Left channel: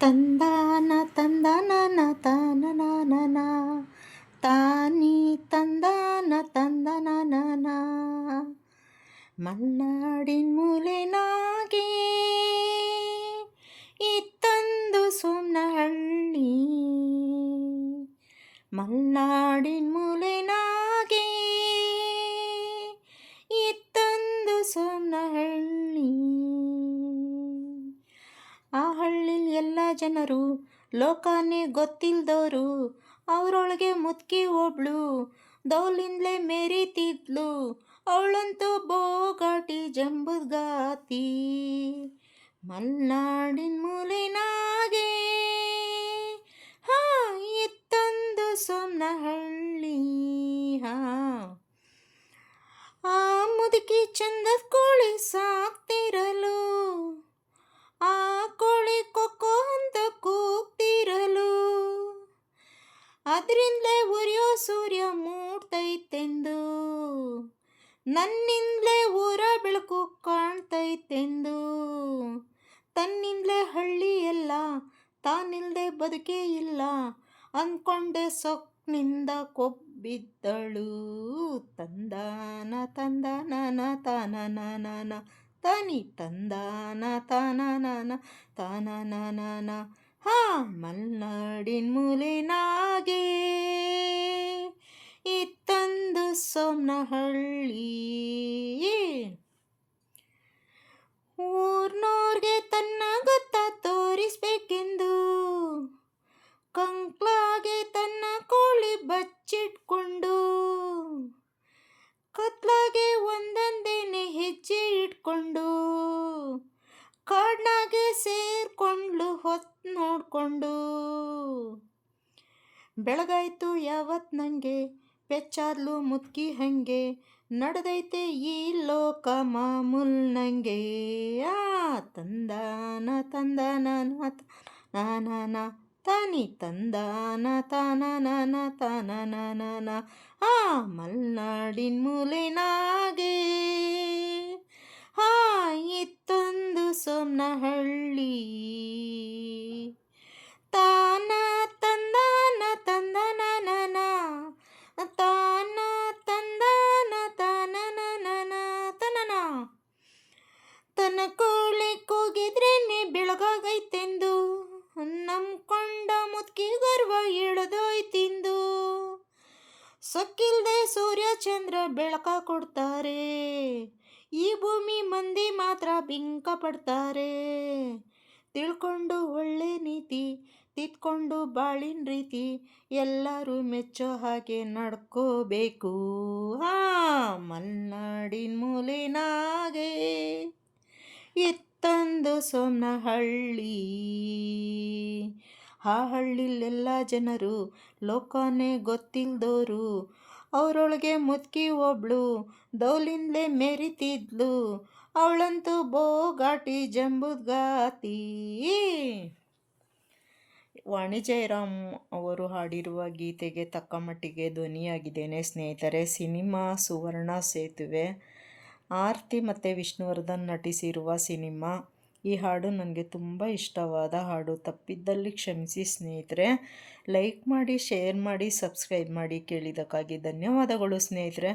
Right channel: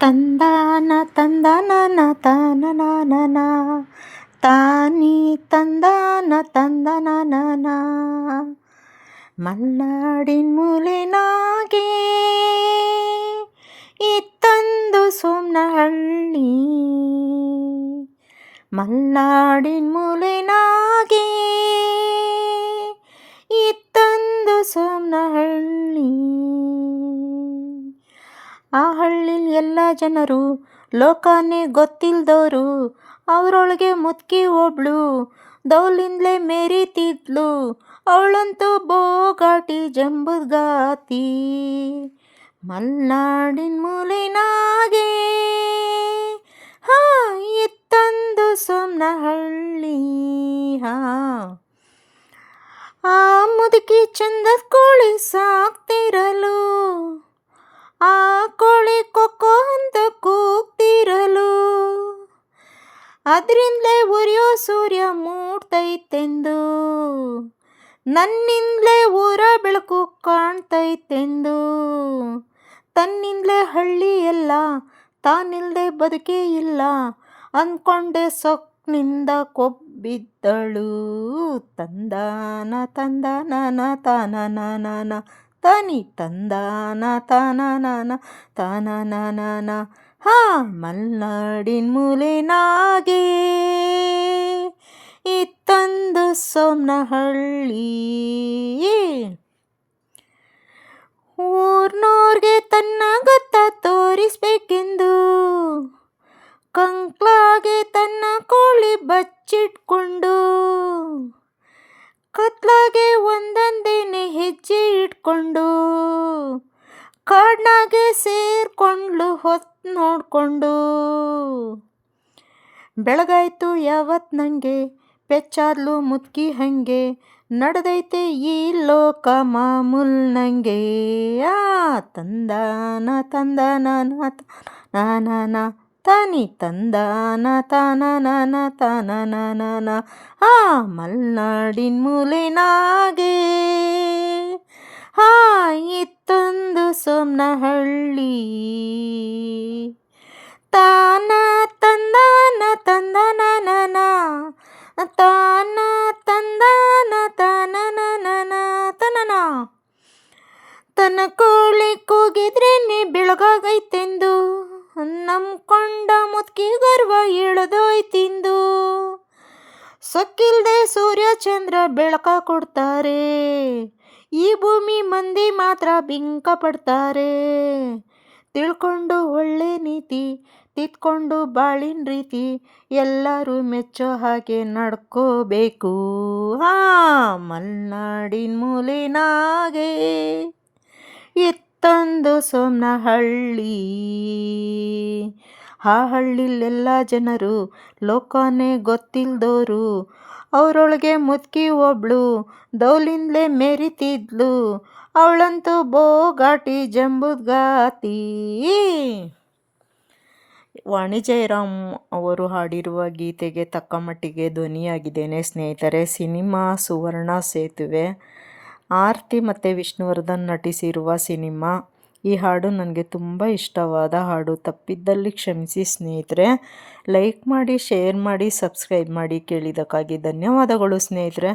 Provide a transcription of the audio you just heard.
ತಂದಾನ ತಂದನನ ತಾನನನ ತಾನಿ ತಂದಾನ ತಂದನನ ಮಲ್ನಾಡಿನ ಮೂಲೆನಾಗೆ ಇತ್ತಂದು ಸೋಮನಹಳ್ಳಿ. ಮಲ್ನಾಡಿನ ಮೂಲೆನಾಗೆ ಇತ್ತಂದು ಸೋಮನಹಳ್ಳಿ. ಆ ಹಳ್ಳಿಲಿ ಎಲ್ಲ ಜನರು ಲೋಕನೇ ಗೊತ್ತಿಲ್ದವರು. ಅವರೊಳಗೆ ಮುದುಕಿ ಒಬ್ಳು ದೌಲಿಂದಲೇ ಮೆರಿತಿದ್ಲು. ಅವಳಂತೂ ಬೋಗಾಟಿ ಜಂಬುಗಾತಿ. ಮಲ್ನಾಡಿನ ಮೂಲೆನಾಗೆ ಇತ್ತಂದು ಸೋಮನಹಳ್ಳಿ. ಆ ಮುದುಕಿ ಚಂದದ ಕೋಳಿ ಸಾಕ್ತಿರಲು, ಆ ಕೋಳಿ ಕೊಕ್ಕೋ ಅಂತ ಕೂಗ್ತಿರಲು, ಅದರಿಂದಲೇ ಉರಿಯೋ ಸೂರ್ಯ ಮೂಡ್ತೈತೆಂದು, ನನ್ನಿಂದಲೇ ಊರ ಬೆಳಕು ಕಾಣ್ತೈತೆಂದು, ತನ್ನಿಂದಲೇ ಹಳ್ಳಿ ಎಲ್ಲ ತಾನಿಲ್ಲದೆ ಬದುಕೇ ಇಲ್ಲ ಅಂದ್ಕೊಂಡೆ ಸೊಕ್ನಿಂದ ಕೊಬ್ಬಿದ್ದಳು. ತಂದಾನ ತಂದನನ ತಾನನನ ತಾನಿ ತಂದಾನ ತಾನನನ ತಾನನನ ಮಲ್ನಾಡಿನ ಮೂಲೆನಾಗೆ ಇತ್ತಂದು ಸೋಮನಹಳ್ಳಿ. ಊರ್ನೋರ್ಗೆ ತನ್ನ ಗೊತ್ತ ತೋರಿಸ್ಬೇಕೆಂದು ಕಂಕ್ಲಾಗೆ ತನ್ನ ಕೋಳಿ ಬಚ್ಚಿಟ್ಕೊಂಡು, ಕತ್ಲಾಗೆ ಒಂದೊಂದೇನೆ ಹೆಜ್ಜೆ ಇಟ್ಕೊಂಡು, ಕಾಡ್ನಾಗೆ ಸೇರ್ಕೊಂಡ್ಲು ಹೊತ್ತು ನೋಡ್ಕೊಂಡು. ಬೆಳಗಾಯ್ತು ಯಾವತ್ ನಂಗೆ ಪೆಚ್ಚಾದ್ಲು ಮುದುಕಿ ಹಂಗೆ, ನಡೆದೈತೆ ಈ ಲೋಕ ಮಾಮೂಲ್ ನಂಗೆ. ತಂದಾನ ತಂದನನ ತಾನನ ತಾನಿ ತಂದಾನ ತಾನನನ ತಾನನನ ಮಲ್ನಾಡಿನ ಮೂಲೆನಾಗೆ ಇತ್ತೊಂದು ಸೋಮನಹಳ್ಳಿ. ತಾನ ತಂದಾನ ತಂದನನ ತಾನ ತಂದಾನ ತಾನನನ ತನನ. ತನ್ನ ಕೋಳಿ ಕೂಗಿದ್ರೇನೆ ಬೆಳಗಾಗೈತೆಂದು ನಂಬ್ಕೊಂಡ ಮುದುಕಿ ಗರ್ವ ಇಳಿದೋಯ್ತಿಂದು. ಸೊಕ್ಕಿಲ್ದೆ ಸೂರ್ಯ ಚಂದ್ರ ಬೆಳಕ ಕೊಡ್ತಾರೆ, ಈ ಭೂಮಿ ಮಂದಿ ಮಾತ್ರ ಬಿಂಕ ಪಡ್ತಾರೆ. ತಿಳ್ಕೊಂಡು ಒಳ್ಳೆ ನೀತಿ, ತಿದ್ಕೊಂಡು ಬಾಳಿನ ರೀತಿ, ಎಲ್ಲರೂ ಮೆಚ್ಚೋ ಹಾಗೆ ನಡ್ಕೋಬೇಕು. ಮಲ್ನಾಡಿನ ಮೂಲೆನಾಗೆ ಇತ್ತಂದು ಸೋಮನಹಳ್ಳಿ. ಆ ಹಳ್ಳಿಲೆಲ್ಲ ಜನರು ಲೋಕನೇ ಗೊತ್ತಿಲ್ದೋರು. ಅವರೊಳಗೆ ಮುದುಕಿ ಒಬ್ಳು ದೌಲಿಂದಲೇ ಮೆರಿತಿದ್ಲು. ಅವಳಂತೂ ಬೋಗಾಟಿ ಜಂಬುಗಾತಿ. ವಾಣಿ ಜಯರಾಮ್ ಅವರು ಹಾಡಿರುವ ಗೀತೆಗೆ ತಕ್ಕ ಮಟ್ಟಿಗೆ ಧ್ವನಿಯಾಗಿದ್ದೇನೆ ಸ್ನೇಹಿತರೆ. ಸಿನಿಮಾ ಸುವರ್ಣ ಸೇತುವೆ. ಆರ್ತಿ ಮತ್ತು ವಿಷ್ಣುವರ್ಧನ್ ನಟಿಸಿರುವ ಸಿನಿಮಾ. ಈ ಹಾಡು ನನಗೆ ತುಂಬ ಇಷ್ಟವಾದ ಹಾಡು. ತಪ್ಪಿದ್ದಲ್ಲಿ ಕ್ಷಮಿಸಿ ಸ್ನೇಹಿತರೆ. ಲೈಕ್ ಮಾಡಿ, ಶೇರ್ ಮಾಡಿ, ಸಬ್ಸ್ಕ್ರೈಬ್ ಮಾಡಿ. ಕೇಳಿದ್ದಕ್ಕಾಗಿ ಧನ್ಯವಾದಗಳು ಸ್ನೇಹಿತರೆ.